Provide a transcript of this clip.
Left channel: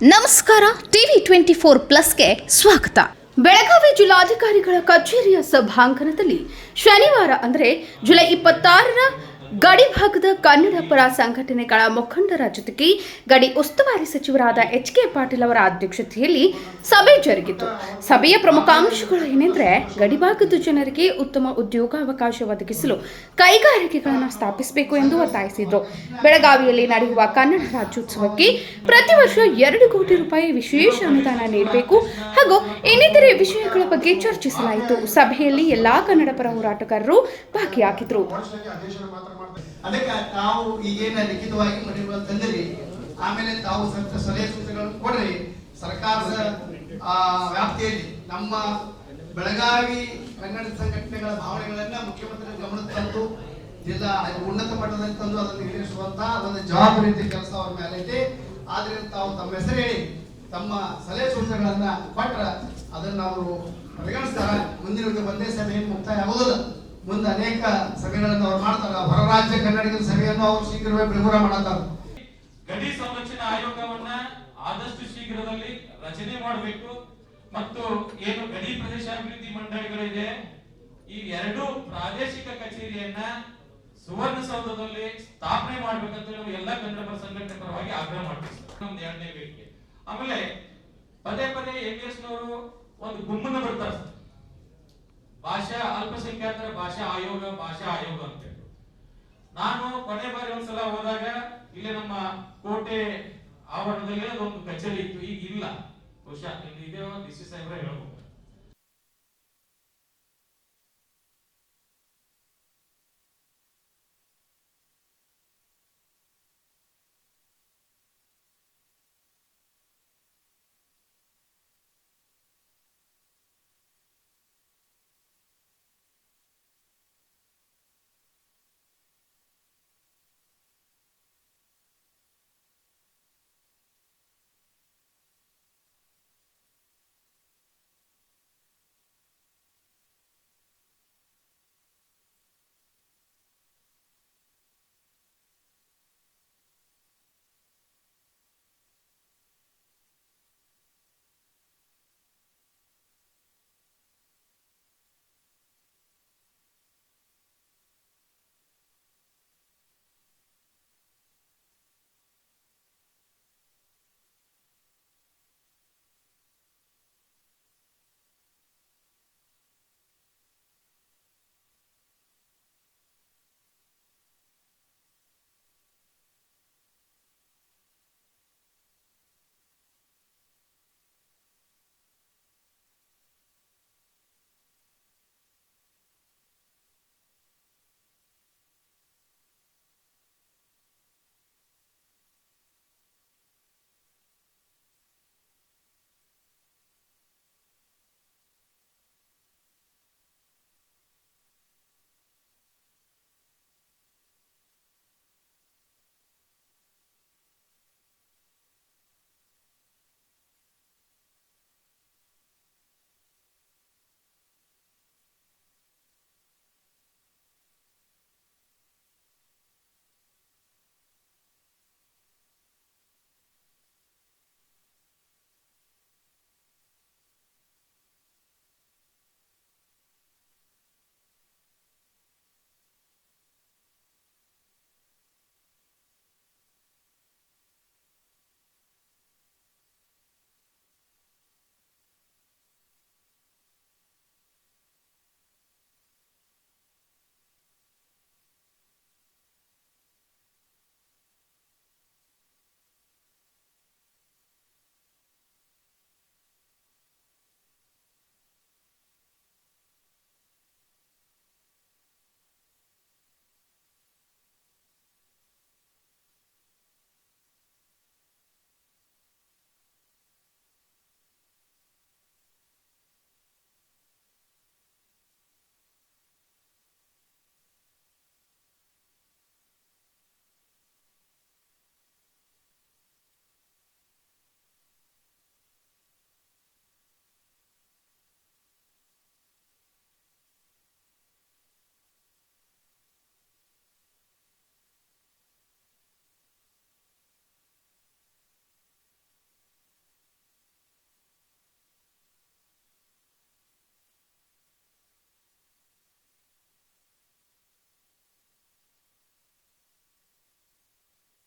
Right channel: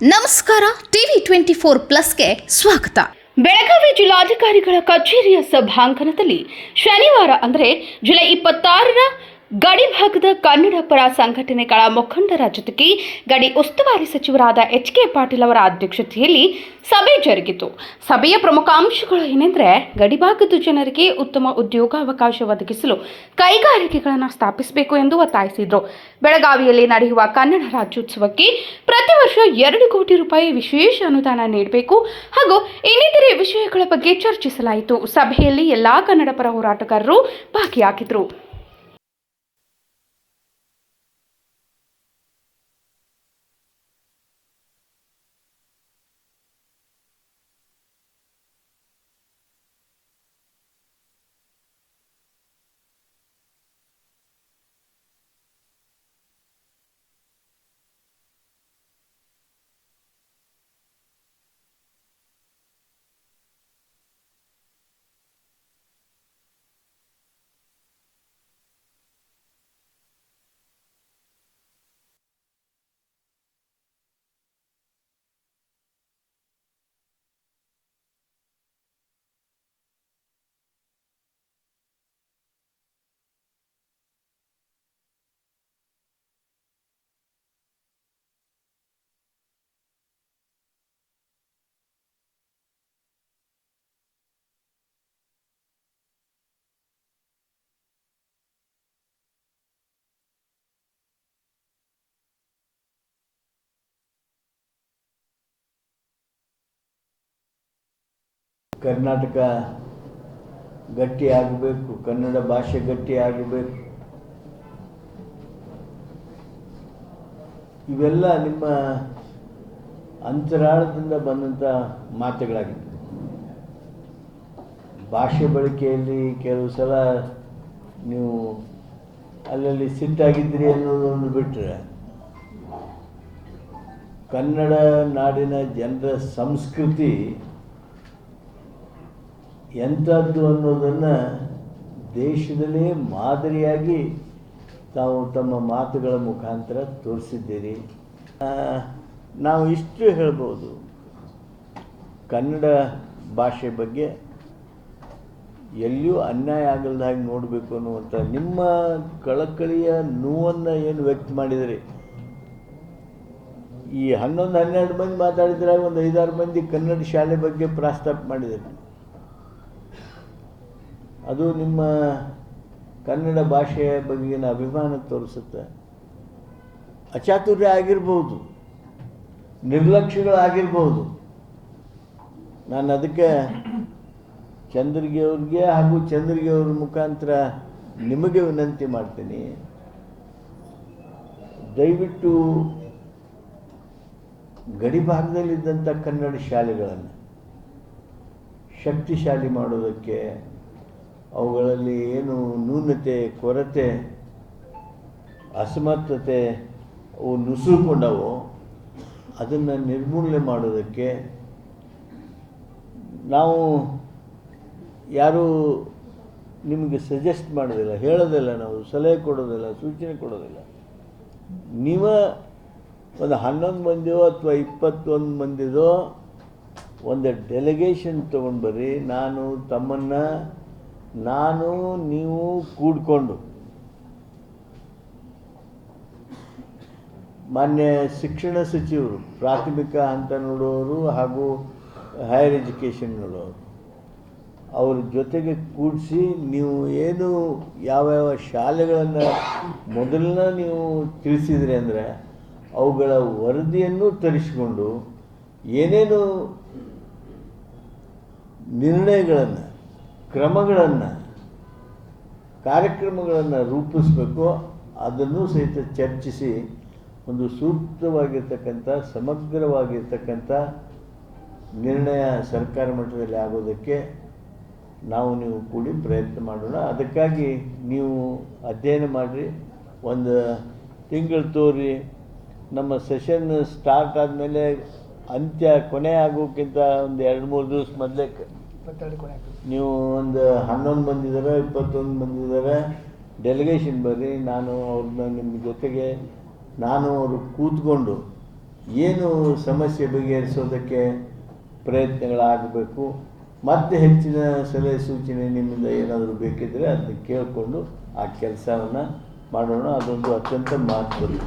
ನಮಸ್ಕಾರ TV twenty four ಪ್ಲಸ್ಗೆ ಸ್ವಾಗತ. ಬೆಳಗಾವಿ ಜಿಲ್ಲಾಧಿಕಾರಿಗಳ ಕಚೇರಿಯ ಸಭಾಂಗಣದಲ್ಲಿ ಶನಿವಾರ ಅಂದರೆ ಜುಲೈ ಇಪ್ಪತ್ತಾರರ ಗಡಿ ಭಾಗದ ಕನ್ನಡ ಪರ ಸಂಘಟನೆಗಳ ಮುಖಂಡರ ಜೊತೆಗೆ ಗಡಿ ಉಸ್ತುವಾರಿ ಸಚಿವರಾದ ಎಚ್ ಕೆ ಪಾಟೀಲ್ ಅವರ ಅಧ್ಯಕ್ಷತೆಯಲ್ಲಿ ಸಭೆ ಜರುಗಿತು. ಸಭೆಯ ಪ್ರಮುಖ ಅಂಶಗಳು ಏನೆಂದರೆ ಗಡಿಭಾಗದ ಜನರಿಗೆ ಉತ್ತಮ ಉದ್ಯೋಗಾವಕಾಶ ಒದಗಿಸಲು ಕೈಗಾರಿಕೆಗಳನ್ನು ಸ್ಥಾಪಿಸಬೇಕು ಎಂದು ಒತ್ತಾಯಿಸಿದರು. ಬೆಳಗಾವಿಯಲ್ಲಿ ನಡೆಯುವ ಕನ್ನಡ ರಾಜ್ಯೋತ್ಸವಕ್ಕೆ ಪ್ರತಿ ವರ್ಷ ಎರಡು ಕೋಟಿ ರೂಪಾಯಿ ವಿಶೇಷ ಅನುದಾನ ನೀಡಬೇಕು ಹಾಗೂ ಇನ್ನಿತರೆ ವಿಷಯಗಳ ಬಗ್ಗೆ ಚರ್ಚಿಸಲಾಯಿತು. ಸಭೆಯಲ್ಲಿ ಎಲ್ಲಾ ಕನ್ನಡ ಪರ ಹೋರಾಟಗಾರರು ಭಾಗಿಯಾಗಿದ್ದರು ಅದಕ್ಕೆ ತಾವು ಈಗೇನ ಲಿಖಿತವಾಗಿ ಮಾಡಿರುವ ತಂದಿರಿ ಆಮೇಲೆ ತಾವು ಸಂತ ಸಲಹೆ ಸೂಚನೆಗಳನ್ನು ಕೊಡ್ರಿ. ಸರ್ಕಾರದ ವ್ಯಾಪ್ತಿಯಲ್ಲಿ ನಮ್ಮ ಬೆಳಗಾವಿ ಕನ್ನಡ ಸಂಘಟನೆಗಳ ಭಾವನೆಗಳನ್ನ ಮುಖ್ಯಮಂತ್ರಿ ಗಮನಕ್ಕೆ ತಂದು, ಜಿಲ್ಲಾ ಉನ್ನತ ಮಟ್ಟದಲ್ಲಿ ತಂದು ಅದನ್ನು ಈಡೇರಿಸುವಂತಹ ಒಂದು ಜವಾಬ್ದಾರಿ ಕೆಲಸ ಅವ್ರ ಮೇಲೆ ಐತಿ. ಆದ್ರಿಂದ ತಾವು ತಮ್ಮ ಹೆಸರು ಹೇಳಿ, ತಮ್ಮ ಸಲಹೆ ಸೂಚನೆಗಳನ್ನ ಕೊಟ್ರ ಅದನ್ನ ಅವರು ಪರಿಗಣಿಸ್ತಾರ. ಮುಂದಿನ ಒಂದು ಒಂದೇ ಸಭೆ ಮುಕ್ತಾಯ ಆಗೋದಿಲ್ಲ. ಮುಂದೆ ಅನೇಕ ಸಭೆಗಳನ್ನು ಅವ್ರು ಮಾಡ್ತಾರೆ. ಹೊರ ರಾಜ್ಯ ಕನ್ನಡಿಗರ ಸಭೆಯನ್ನು ಅವರು ಶೀಘ್ರವೇ ಬಿಡುಗಡೆ ಮಾಡುತ್ತಾರೆ. ಗಡಿ ಸಂರಕ್ಷಣಾ ಆಯೋಗವನ್ನ ಆದಷ್ಟು ಶೀಘ್ರದಲ್ಲಿ ರಚನೆ ಮಾಡಬೇಕು. ಮತ್ತು ಏನು ಗಡಿ ಪ್ರದೇಶ ಅಭಿವೃದ್ಧಿ ಮಂಡಳಿಗಳಿದೆ, ಈ ಎರಡು ಪ್ರಾದೇಶಿಕ ಕಚೇರಿಯನ್ನ ಸುವರ್ಣಸೌಧದಲ್ಲಿ ಸ್ಥಾಪನೆ ಮಾಡ್ಬೇಕಂತ ನಾವು ಎಲ್ಲ ಕನ್ನಡ ಸಂಘಟನೆ ಪರವಾಗಿ ಆಗ್ರಹ ಮಾಡ್ತೀವಿ ಎರಡನೇ ಬೇಡಿಕೆ ಆಮೇಲೆ ಪದೇ ಪದೇ ಎಸ್ ನವರು ಒಂದು ಗುಮ್ಮನ ಬರ್ತಾರೆ. ಭಾಷಾ ಅಲ್ಪಸಂಖ್ಯಾತರ ಭಾಷಾ ಆಯೋಗ ಭಾಷಾ ಆಯೋಗ ಅಂತ ನಾನು ಕೊನೆ ಬಾರಿ ಒಂದ್ಸಲ ಹೋದಾಗ ಇಲ್ಲಿ ನಮ್ಮ ಕೋಟೆ ಆವರಣದಲ್ಲಿ ಒಂದು ಕಚೇರಿ ಇತ್ತು. ಈಗ ಇಲ್ಲ. ಇದೆ ಕರ್ನಾಟಕ ಗಟ್ಟಿ ಆಗಬೇಕು ಕನ್ನಡ ಭಾಷೆ ಗಟ್ಟಿ ಆಗಬೇಕು ಇವೆಲ್ಲ ನಿಮ್ಮ ಅಂತರಾಳದಿಂದ ಬಂದಂಥ ಮಾತುಗಳಾಗಿತ್ತು ಭಾಷೆ ಬಳಕೆಯಲ್ಲಿ ಕೆಲವು ಸಲ ನೀವು ಅಲ್ಲಲ್ಲಿ ಸಿಟ್ಟಾಗಿದ್ರಿ ಅನ್ನೋದೊಂದು ಬಿಟ್ಟರೆ ಕನ್ನಡ ನಾಡಿನ ಜನರ ಸಂಸ್ಕೃತಿ ಎಂಥದ್ದು ಅನ್ನೋದನ್ನು ದೇಶದಲ್ಲೇ ಮಾದರಿಯಾಗಿ ತಾವು ತಮ್ಮ ಮಾತುಗಳ ಮುಖಾಂತರ ತೋರಿಸಿದ್ದೀರಿ. ನಾವು ಇಷ್ಟು ಹೇಳ್ಬೋದು. ಕನ್ನಡ ಭಾಷೆ ಬಗ್ಗೆ ಎಲ್ಲಿಯೂ ಅನ್ಯಾಯ ಆಗಲ್ದ ಹಾಗೆ ನೋಡಬೇಕು ಅನ್ನುವಂಥ ನಿಮ್ಮ ಕಳಕಳಿಯ ನೋವನ್ನು ಏನು ವ್ಯಕ್ತ ಮಾಡಿದಿರಿ? ಈ ಹನ್ನೊಂದು, ಹನ್ನೆರಡು ಮಂದಿ ಮಾತಾಡಿದ್ರಾಗ ಒಂದು ಐದಾರು ಮಂದಿ ಕನ್ನಡ ಶಾಲೆ ಬಗ್ಗೆ ಪ್ರಸ್ತಾಪ ಮಾಡಿದ್ದಾರೆ ಅದು ನಿಮ್ಮ ಕನ್ನಡ ಭಾಷೆಯ ಬಗೆಗಿನ ಅಭಿಮಾನ ತೋರಿಸುತ್ತೆ. ಅಚಾತುರ್ಯ ಆಗಿರ್ಬೋದು, ನಿರ್ಲಕ್ಷ್ಯಗಳಾಗಿರ್ಬೋದು. ನಾನು ಅದಕ್ಕೆ ಚಂದ್ರಿಗೆ ಅವ್ರಿಗೆ ಹಾಗೂ ಚಂದ್ರಿಗೆ ಅವ್ರ ಮುಖಾಂತರ ನಿಮಗೆ ವಿನಂತಿ ಮಾಡ್ತೀನಿ. ದಯವಿಟ್ಟು ಗಡಿ ಭಾಗದಲ್ಲಿದ್ದಂಥ ಕನ್ನಡ ಶಾಲೆಗಳನ್ನು ಶಕ್ತಿಶಾಲಿ ಮಾಡೋದಕ್ಕೆ ಅವುಗಳಲ್ಲಿ ಏನು ನ್ಯೂನತೆ, ಕೊರತೆ, ಅಸಮರ್ಥತೆ ಅವು ನುಸುಕೊಂಡವು ಅದನ್ನು ನಿರ್ಮೂಲನೆ ಮಾಡೋದಕ್ಕೆ ನಾವು ಯಾರೂ ನಿಮಗೆ ಸಜೆಸ್ಟ್ ಮಾಡೋದಿಲ್ಲ, ಹೇಳೋದಿಲ್ಲ ನಾವು, ಸಲಹೆ ಕೊಡೋದಿಲ್ಲ, ಸೂಚನೆ ಕೊಡೋದಿಲ್ಲ. ನೀವು ಒಂದು ಹನ್ನೊಂದು ಮಂದಿಯೋ ಅಥವಾ ಇಪ್ಪತ್ತೊಂದು ಮಂದಿದೋ ಒಂದು ಡೆಲಿಗೇಷನ್ ತೊಗೊಂಡು ಬರ್ರಿ ನಾನು, ತಮ್ಮನ್ನು, ನಾನು, ನೀವು ಕೂಡ್ಕೊಂಡು. ಮಾನ್ಯ ಶಿಕ್ಷಣ ಸಚಿವರು, ಪ್ರಾಥಮಿಕ ಹಂತ ನೋಡೋರು ಹಾಗೂ ಹೈಯರ್ ಎಜುಕೇಷನ್ ನೋಡೋರು. ಅವ್ರ ಜೊತೆಗೆ ಕೂಡಿಸಿ ನೀವು ಏನು ಯಾವ್ಯಾವ ಶಾಲೆಗಳನ್ನು ಮೊದಲನ್ನ ನೀವು ತಿಳಿಸಿದ್ರಿ ಅಂದರೆ ಅವುಗಳ ವರದಿಯನ್ನು ತರಿಸಿಕೊಂಡು ಏನೇನು ನಿರ್ಣಯಗಳನ್ನು, ಕ್ರಮಗಳನ್ನು, ಕಾರ್ಯಕ್ರಮಗಳನ್ನು ರೂಪಿಸಬೇಕು ಅದನ್ನು ಸಹಿತ ಚರ್ಚಿಸಿ ಒಂದು ಸೂಕ್ತವಾಗಿರ್ತಕ್ಕಂಥ, ಸಮಗ್ರವಾಗಿರ್ತಕ್ಕಂಥ ನಿರ್ಣಯ ಸರ್ಕಾರ ಮಟ್ಟದಲ್ಲಿ ಆಗೋದಕ್ಕೆ ನಾವು ನೀವು ಕೂಡಿ ಪ್ರಯತ್ನ ಮಾಡೋಣ. ಅದಕ್ಕಾಗಿ ನೀವು ಅಧ್ಯಯನ ಮಾಡಿರಿ. ಒಂದು ತಿಂಗಳು ತೋರಿ ನಮ್ಮ ಸೆಷನ್ ಸ್ಟಾರ್ಟ್ ಆದಮೇಲೆ ಅಂತ್ಯ ಕೊನೆ ಆಗೋಕ್ಕಿಂತ ಒಂದು ಎರಡು ಮೂರು ದಿವಸ ಮೊದಲೇ ನೀವು ಒಂದು ಹನ್ನೊಂದು ಬಂದಿದ್ದಾರೆ ಇಪ್ಪತ್ತೊಂದು ಮಂದಿ ಇದ್ದಾರೆ ಡೆಲಿಗೇಷನ್ ಬರ್ರಿ. ನಾನು ಅವ್ರನ್ನ ನಿಮ್ಮ ಜೊತೆಗೆ ನಾನು ಅವರು ಕೂತ್ಕೊಂಡು ಏನು ಸಮಸ್ಯೆ ಬಗೆಹರಿಸೋದಕ್ಕೆ ಪ್ರಯತ್ನಗಳಾಗಬೇಕು. ಮತ್ತೆ ಹೆಚ್ಚಿನ ಸಲಹೆ ಸೂಚನೆ ನಿಮ್ಮಿಂದ ಏನಾದರೂ ಬೇಕಿದ್ದರೆ ಅದನ್ನು ಕೇಳಿಕೊಂಡು ಆ ಕೆಲಸವನ್ನು ಮಾಡೋಣ. ಅದೊಂದು ಅತ್ಯಂತ ಮಹತ್ವದ್ದು.